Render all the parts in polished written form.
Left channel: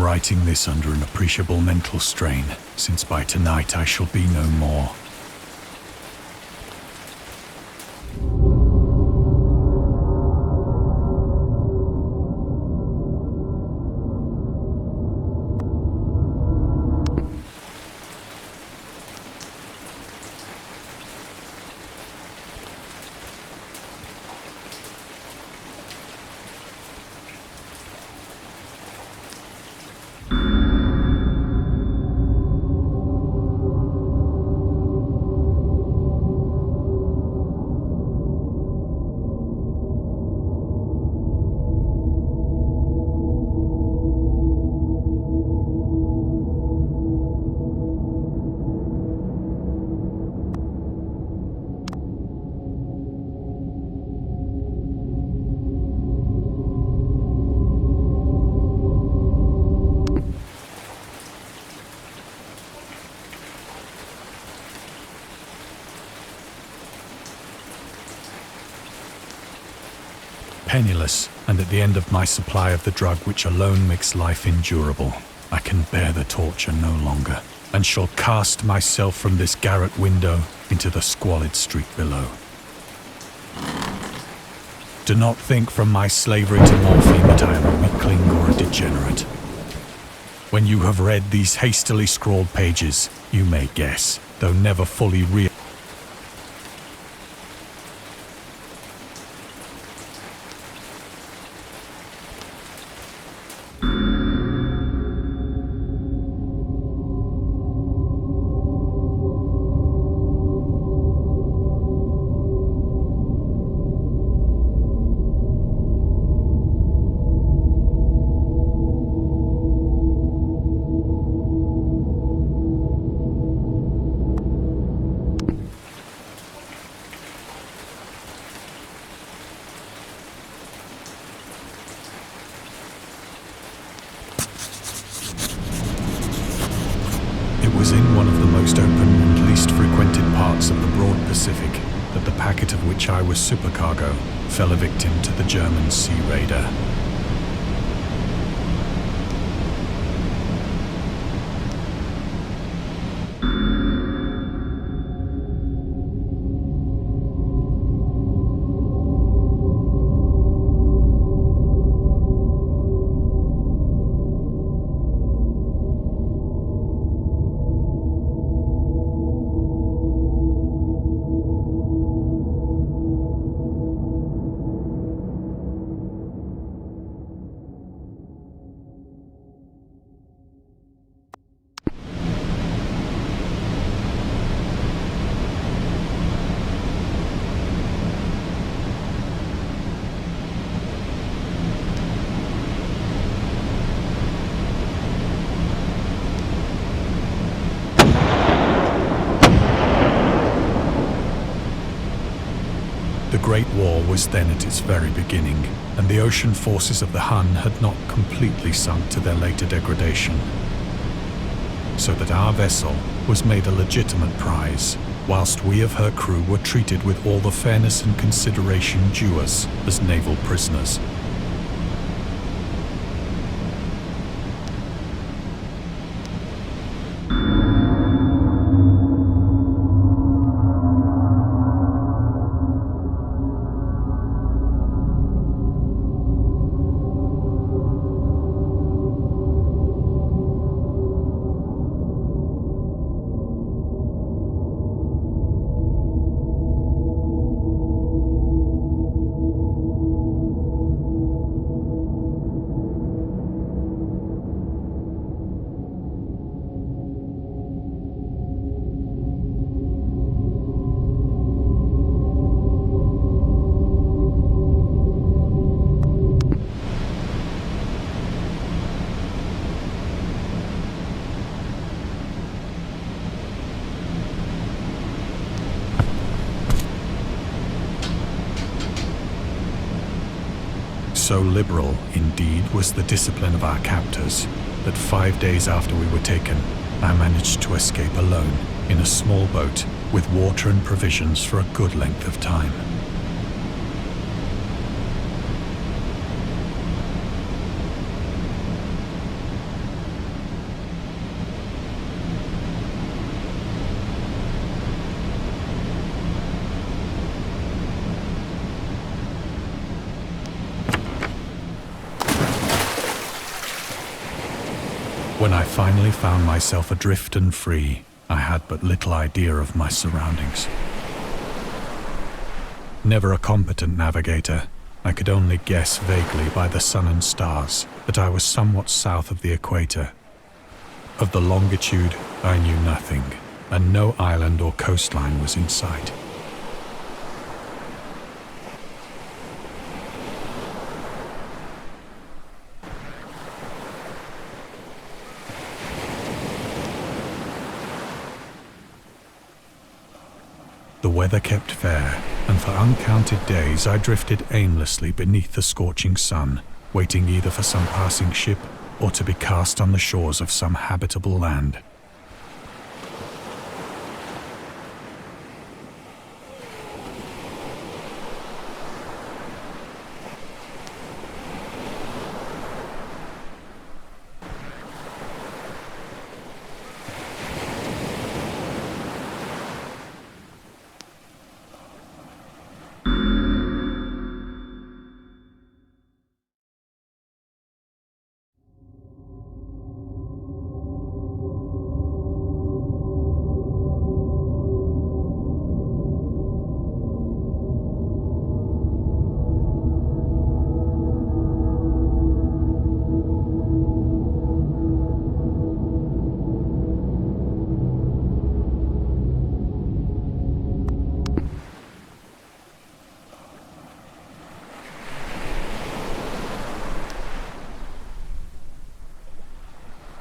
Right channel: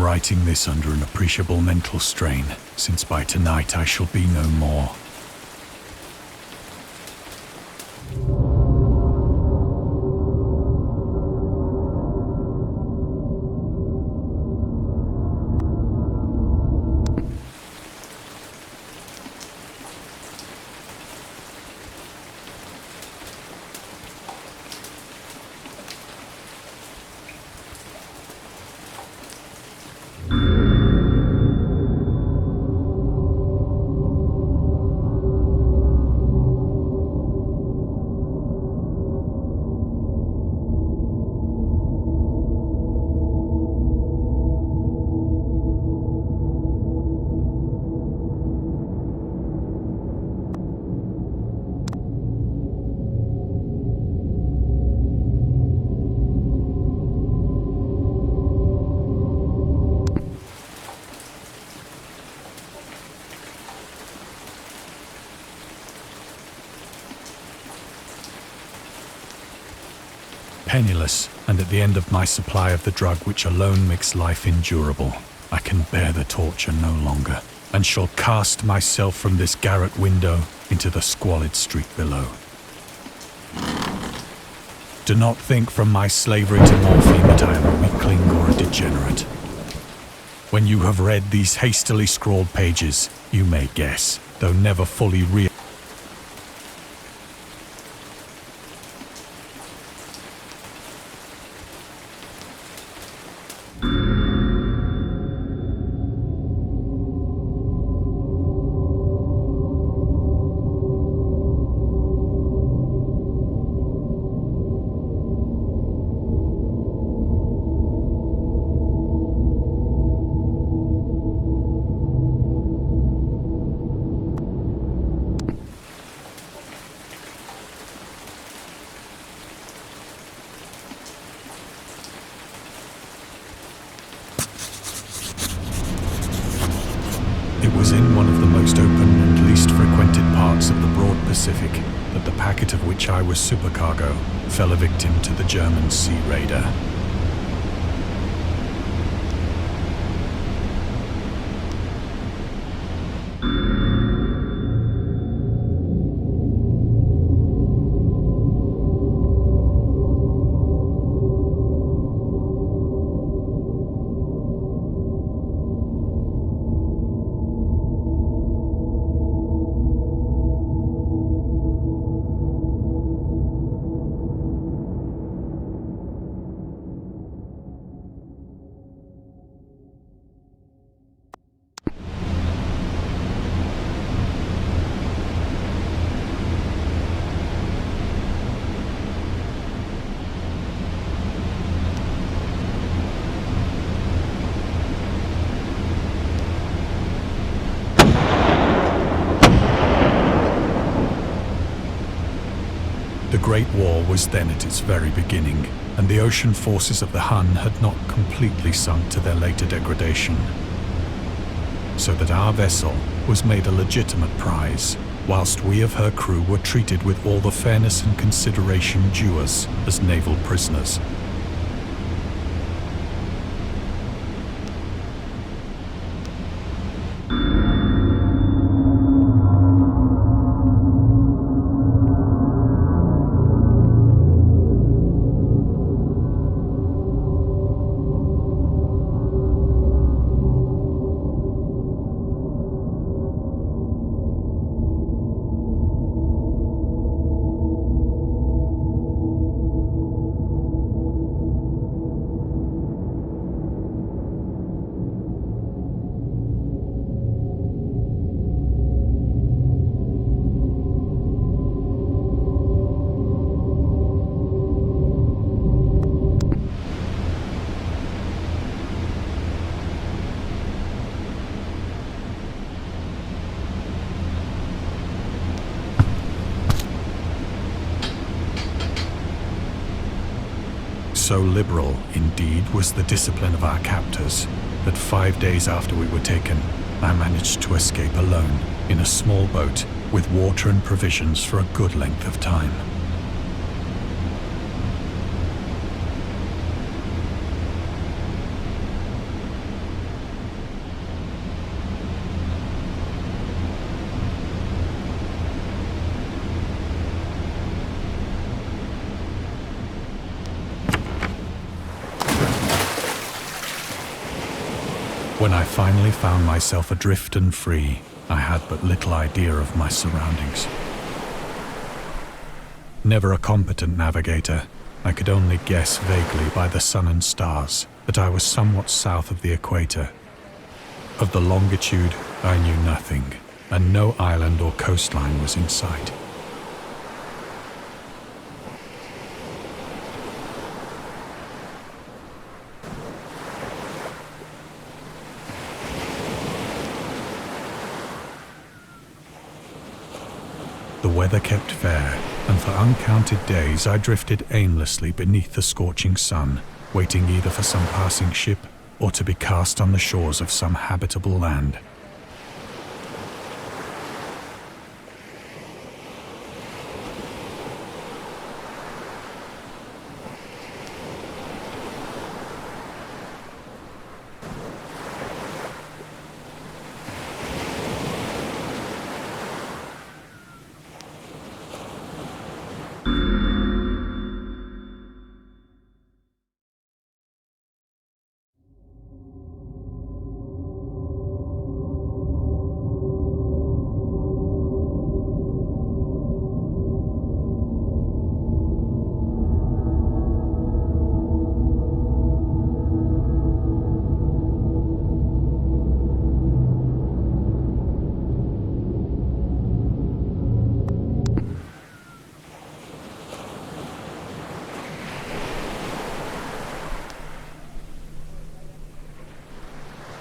am writing this under an appreciable mental strain, since by tonight I shall be no more. Penniless, and at the end of my supply of the drug which alone makes life endurable, I can bear the torture no longer, and shall cast myself from this garret window into the squalid street below. Do not think from my slavery to morphine that I am a weakling or a degenerate. When you have read these hastily scrawled pages, you may guess, though never fully realize. It was in one of the most open and least frequented parts of the broad Pacific that the packet of which I was supercargo fell a victim to the German sea raider. The Great War was then at its very beginning, and the ocean forces of the Hun had not completely sunk to their later degradation. So that our vessel was made a legitimate prize, whilst we of her crew were treated with all the fairness and consideration due us as naval prisoners. So liberal, indeed, was the discipline of our captors, that 5 days after we were taken, I managed to escape alone, in a small boat, with water and provisions for a good length of time. When I finally found myself adrift and free, I had but little idea of my surroundings. Never a competent navigator, I could only guess vaguely by the sun and stars that I was somewhat south of the equator. Of the longitude, I knew nothing, and no island or coastline was in sight. The weather kept fair, and for uncounted days I drifted aimlessly beneath the scorching sun, waiting either for some passing ship or to be cast on the shores of some habitable land.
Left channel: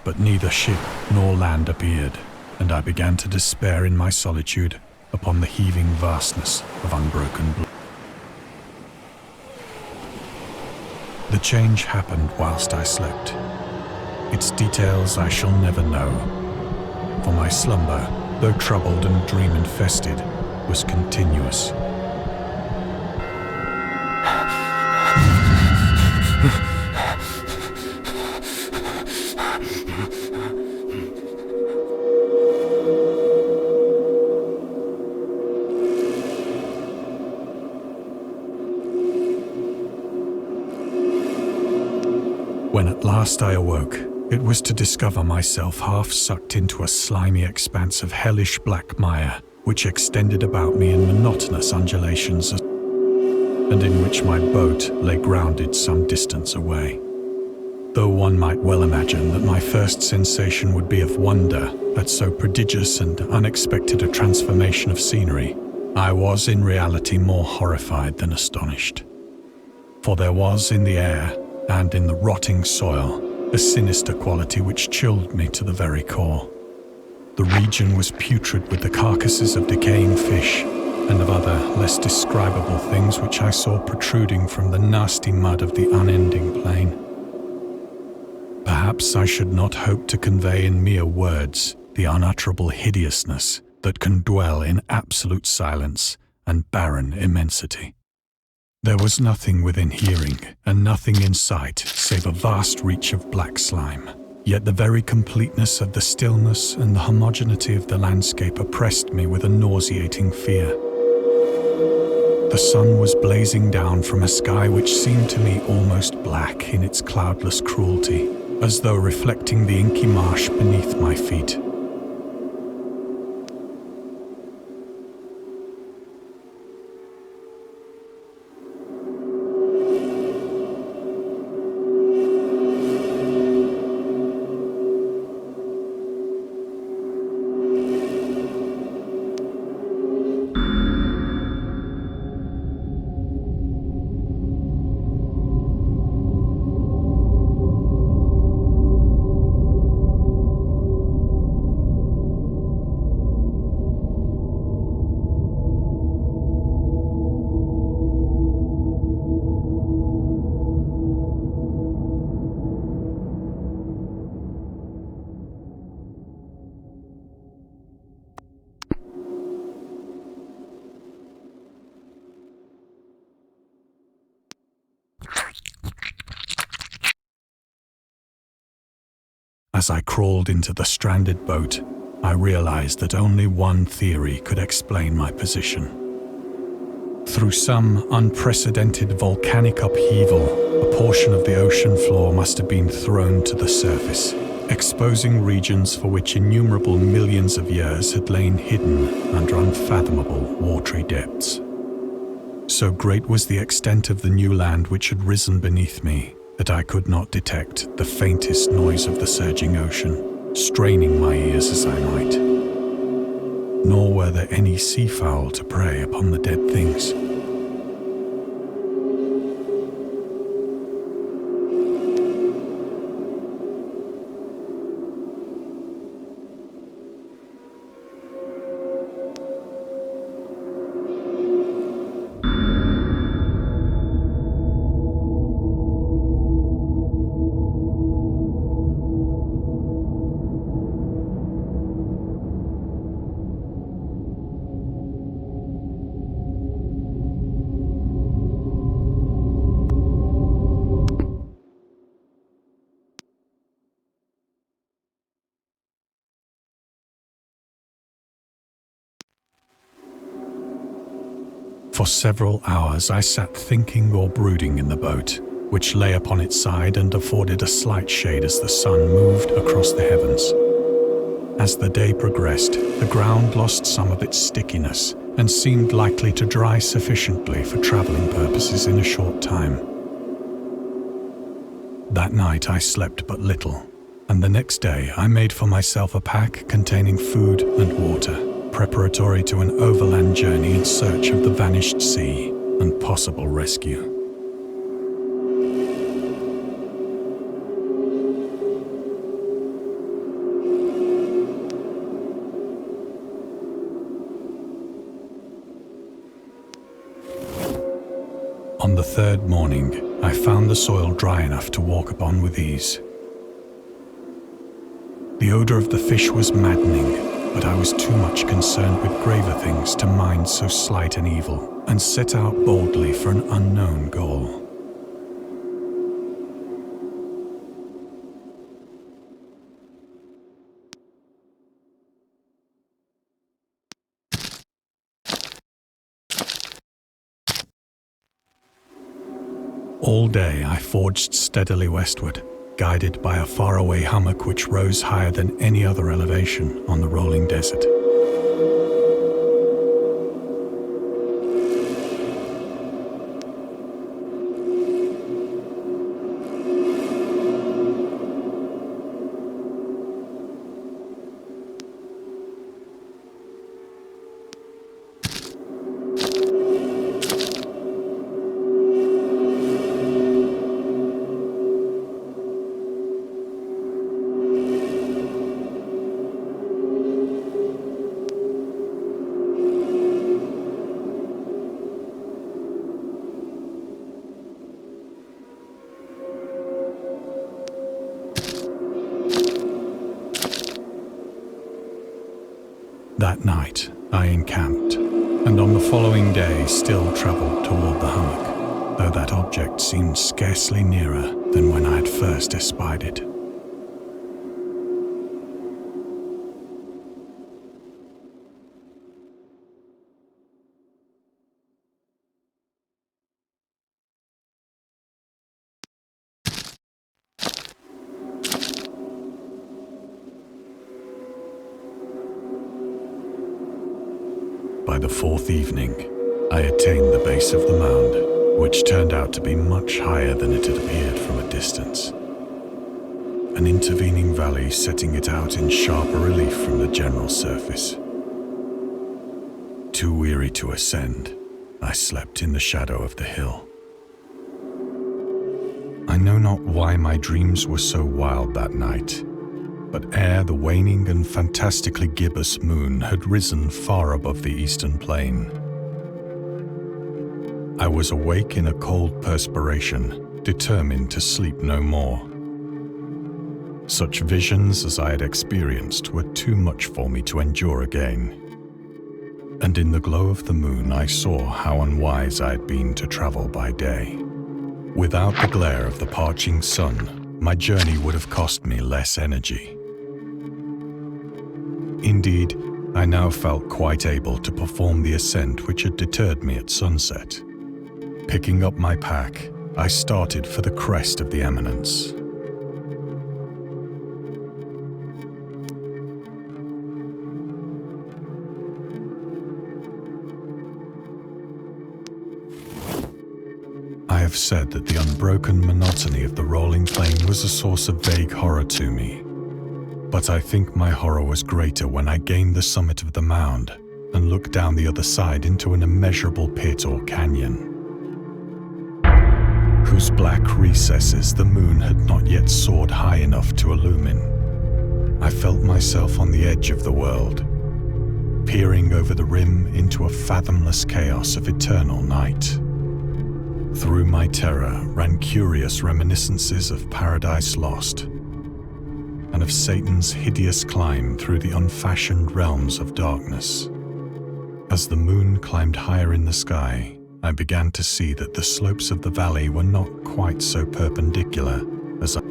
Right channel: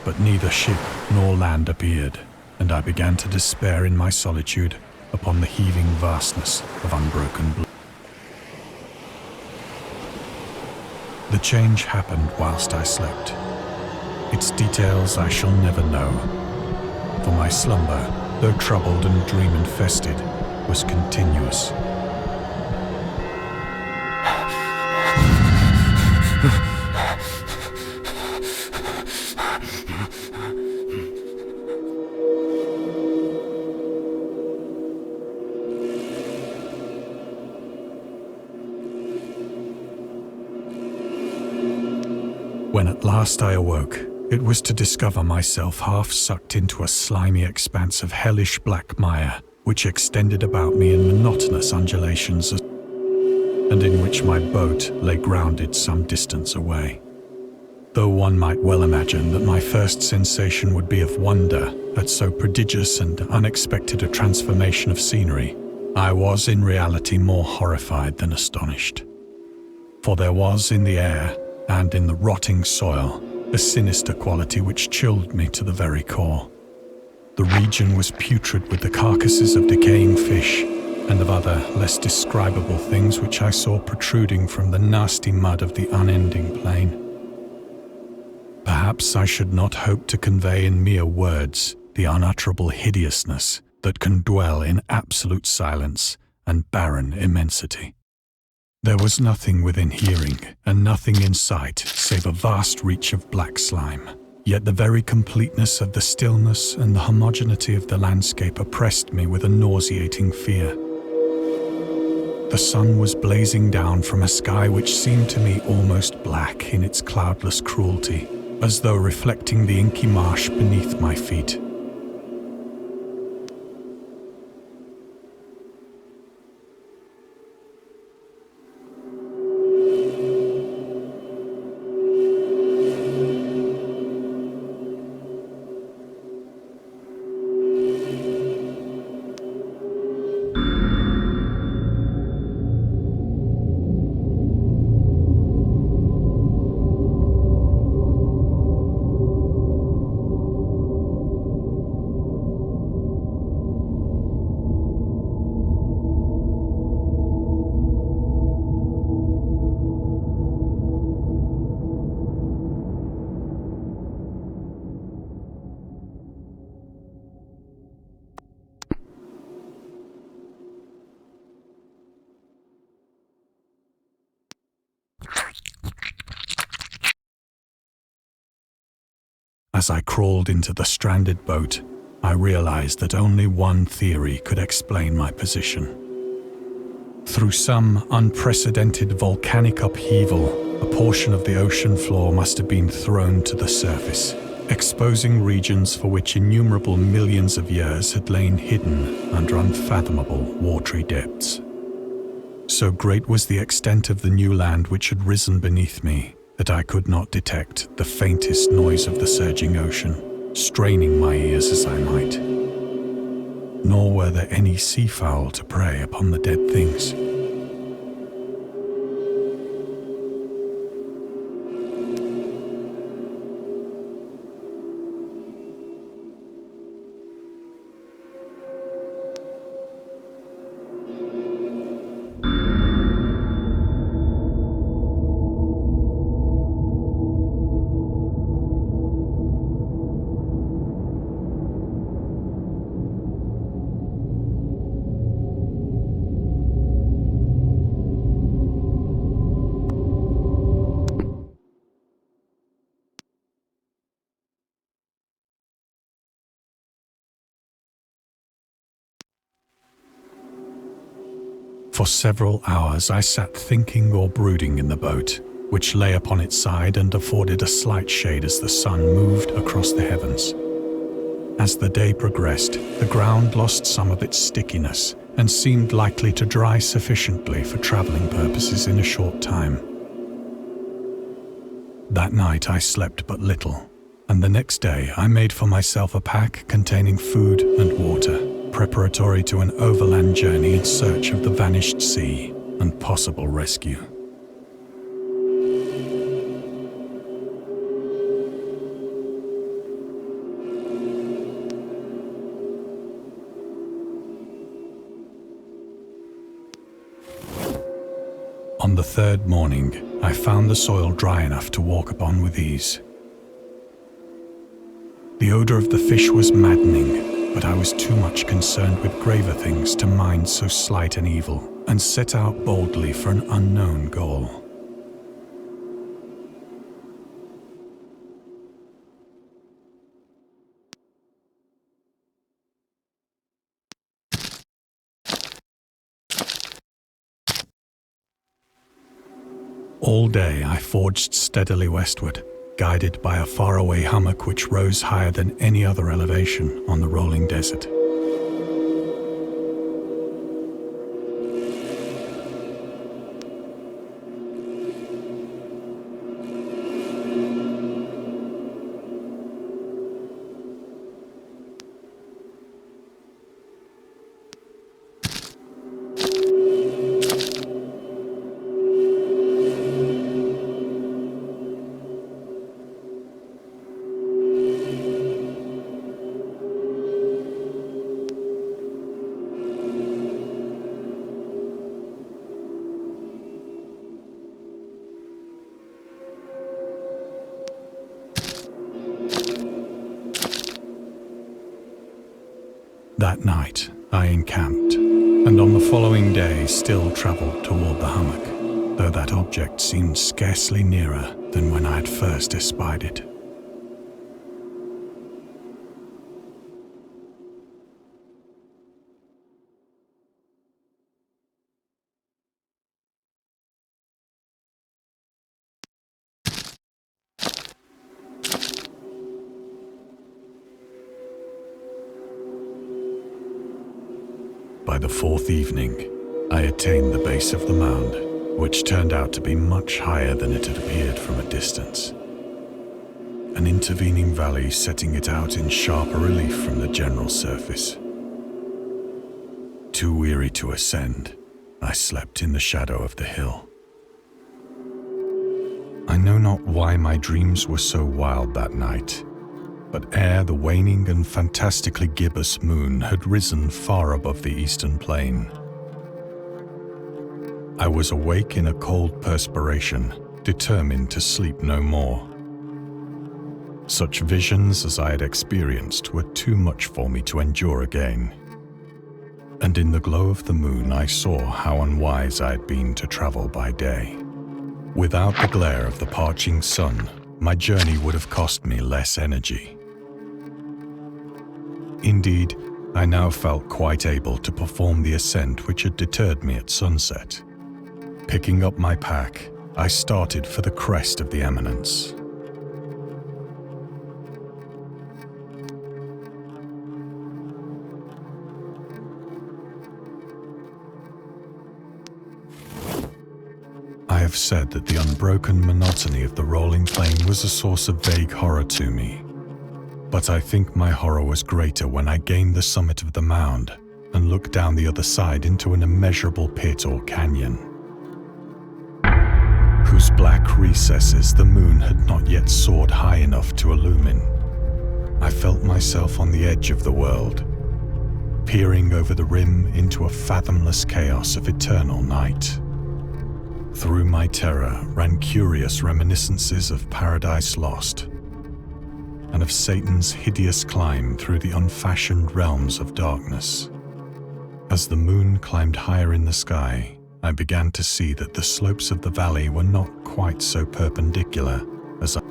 But neither ship nor land appeared, and I began to despair in my solitude upon the heaving vastness of unbroken blue. The change happened whilst I slept. Its details I shall never know, for my slumber, though troubled and dream-infested, was continuous. When at last I awoke, it was to discover myself half sucked into a slimy expanse of hellish black mire, which extended about me in monotonous undulations, and in which my boat lay grounded some distance away. Though one might well imagine that my first sensation would be of wonder at so prodigious and unexpected a transformation of scenery, I was in reality more horrified than astonished. For there was in the air, and in the rotting soil, a sinister quality which chilled me to the very core. The region was putrid with the carcasses of decaying fish and of other less describable things which I saw protruding from the nasty mud of the unending plain. Perhaps I should not hope to convey in mere words the unutterable hideousness that can dwell in absolute silence and barren immensity. There was nothing within hearing, and nothing in sight, save a vast reach of black slime. Yet the very completeness of the stillness and the homogeneity of the landscape oppressed me with a nauseating fear. The sun was blazing down from a sky which seemed to me almost black in its cloudless cruelty, as though reflecting the inky marsh beneath my feet. As I crawled into the stranded boat, I realized that only one theory could explain my position. Through some unprecedented volcanic upheaval, a portion of the ocean floor must have been thrown to the surface, exposing regions for which innumerable millions of years had lain hidden under unfathomable watery depths. So great was the extent of the new land which had risen beneath me that I could not detect the faintest noise of the surging ocean, straining my ears as I might. Nor were there any seafowl to prey upon the dead things. For several hours I sat thinking or brooding in the boat, which lay upon its side and afforded a slight shade as the sun moved across the heavens. As the day progressed, the ground lost some of its stickiness and seemed likely to dry sufficiently for traveling purposes in a short time. That night I slept but little, and the next day I made for myself a pack containing food and water, preparatory to an overland journey in search of the vanished sea and possible rescue. On the third morning, I found the soil dry enough to walk upon with ease. The odor of the fish was maddening, but I was too much concerned with graver things to mind so slight an evil, and set out boldly for an unknown goal. All day I forged steadily westward, guided by a faraway hummock which rose higher than any other elevation on the rolling desert. That night, I encamped, and on the following day still travelled toward the hummock, though that object seemed scarcely nearer than when I had first espied it. By the fourth evening, I attained the base of the mound, which turned out to be much higher than it had appeared from a distance. An intervening valley setting it out in sharper relief from the general surface. Too weary to ascend, I slept in the shadow of the hill. I know not why my dreams were so wild that night, but ere the waning and fantastically gibbous moon had risen far above the eastern plain, I was awake in a cold perspiration, determined to sleep no more. Such visions as I had experienced were too much for me to endure again, and in the glow of the moon I saw how unwise I had been to travel by day. Without the glare of the parching sun, my journey would have cost me less energy. Indeed, I now felt quite able to perform the ascent which had deterred me at sunset. Picking up my pack, I started for the crest of the eminence. have said that the unbroken monotony of the rolling plain was a source of vague horror to me. But I think my horror was greater when I gained the summit of the mound and looked down the other side into an immeasurable pit or canyon, whose black recesses the moon had not yet soared high enough to illumine. I felt myself on the edge of the world, peering over the rim into a fathomless chaos of eternal night. Through my terror ran curious reminiscences of Paradise Lost, and of Satan's hideous climb through the unfashioned realms of darkness. As the moon climbed higher in the sky, I began to see that the slopes of the valley were not quite so perpendicular as I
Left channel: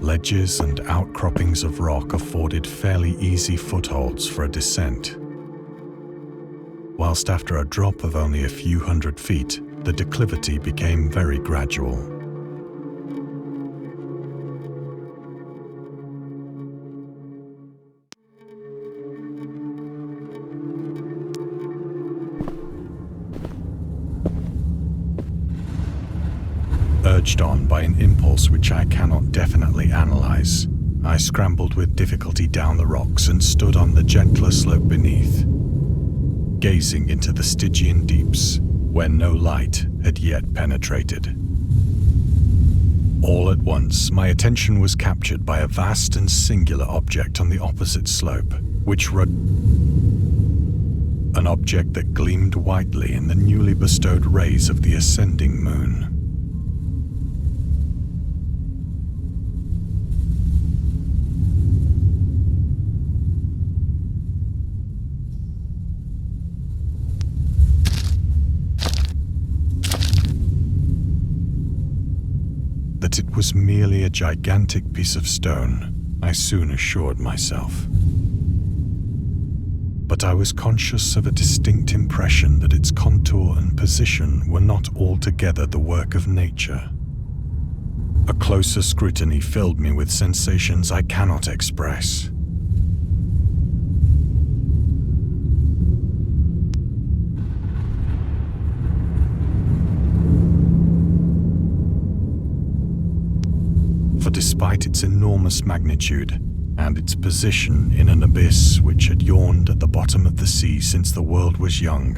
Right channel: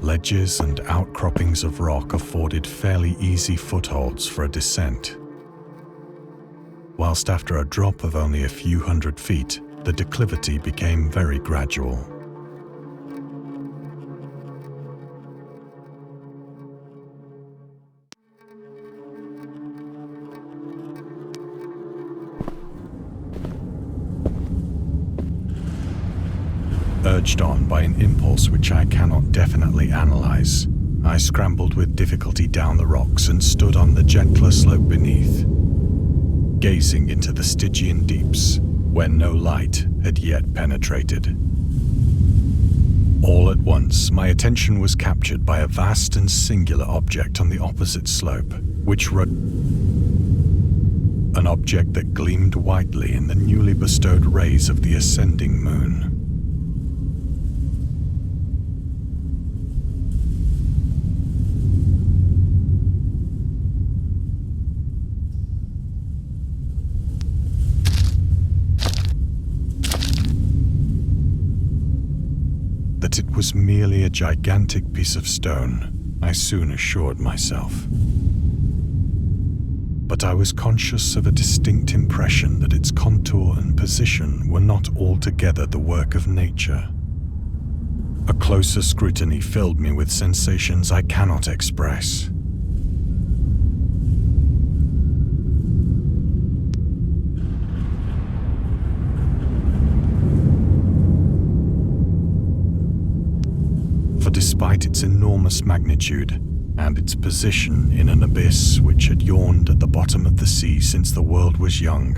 Ledges and outcroppings of rock afforded fairly easy footholds for a descent, whilst after a drop of only a few hundred feet, the declivity became very gradual. Urged on by an impulse which I cannot definitely analyze, I scrambled with difficulty down the rocks and stood on the gentler slope beneath, gazing into the Stygian deeps where no light had yet penetrated. All at once, my attention was captured by a vast and singular object on the opposite slope, an object that gleamed whitely in the newly bestowed rays of the ascending moon. That it was merely a gigantic piece of stone, I soon assured myself. But I was conscious of a distinct impression that its contour and position were not altogether the work of nature. A closer scrutiny filled me with sensations I cannot express. For despite its enormous magnitude and its position in an abyss which had yawned at the bottom of the sea since the world was young,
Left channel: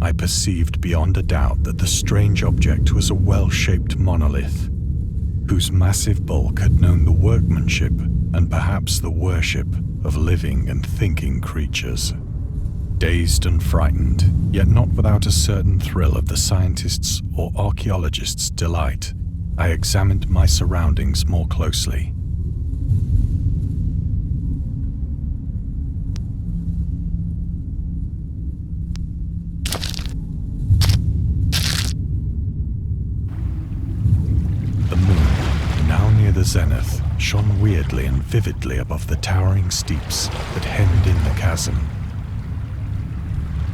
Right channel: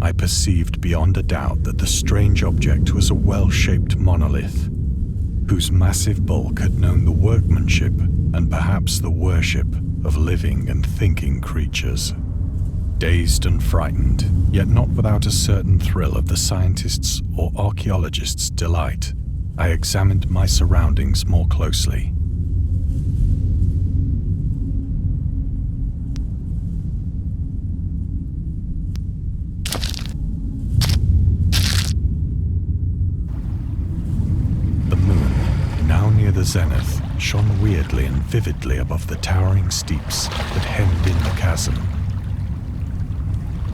I perceived beyond a doubt that the strange object was a well-shaped monolith, whose massive bulk had known the workmanship and perhaps the worship of living and thinking creatures. Dazed and frightened, yet not without a certain thrill of the scientist's or archaeologist's delight, I examined my surroundings more closely. The moon, now near the zenith, shone weirdly and vividly above the towering steeps that hemmed in the chasm,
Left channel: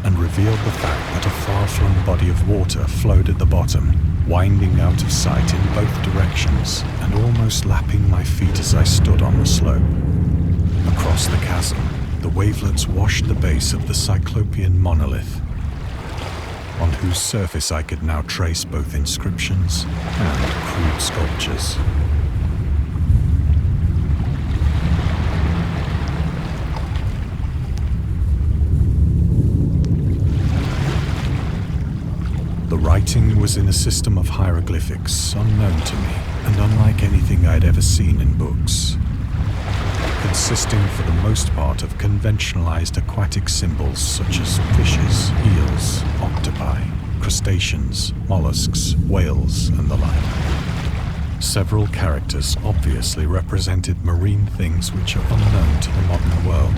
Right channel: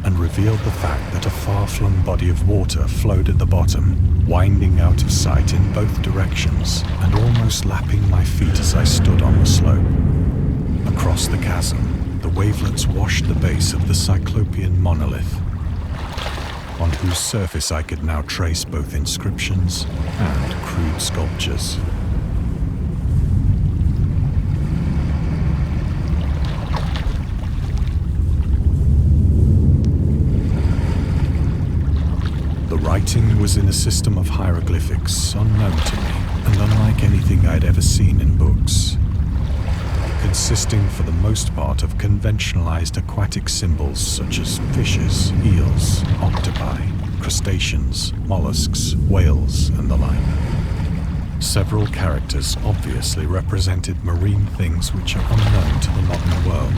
and revealed the fact that a far-flung body of water flowed at the bottom, winding out of sight in both directions and almost lapping my feet as I stood on the slope. Across the chasm, the wavelets washed the base of the cyclopean monolith, on whose surface I could now trace both inscriptions and crude sculptures. The writing was in a system of hieroglyphics unknown to me and unlike anything I'd ever seen in books, consisting for the most part of conventionalized aquatic symbols such as fishes, eels, octopi, crustaceans, mollusks, whales, and the like. Several characters obviously represented marine things which are unknown to the modern world,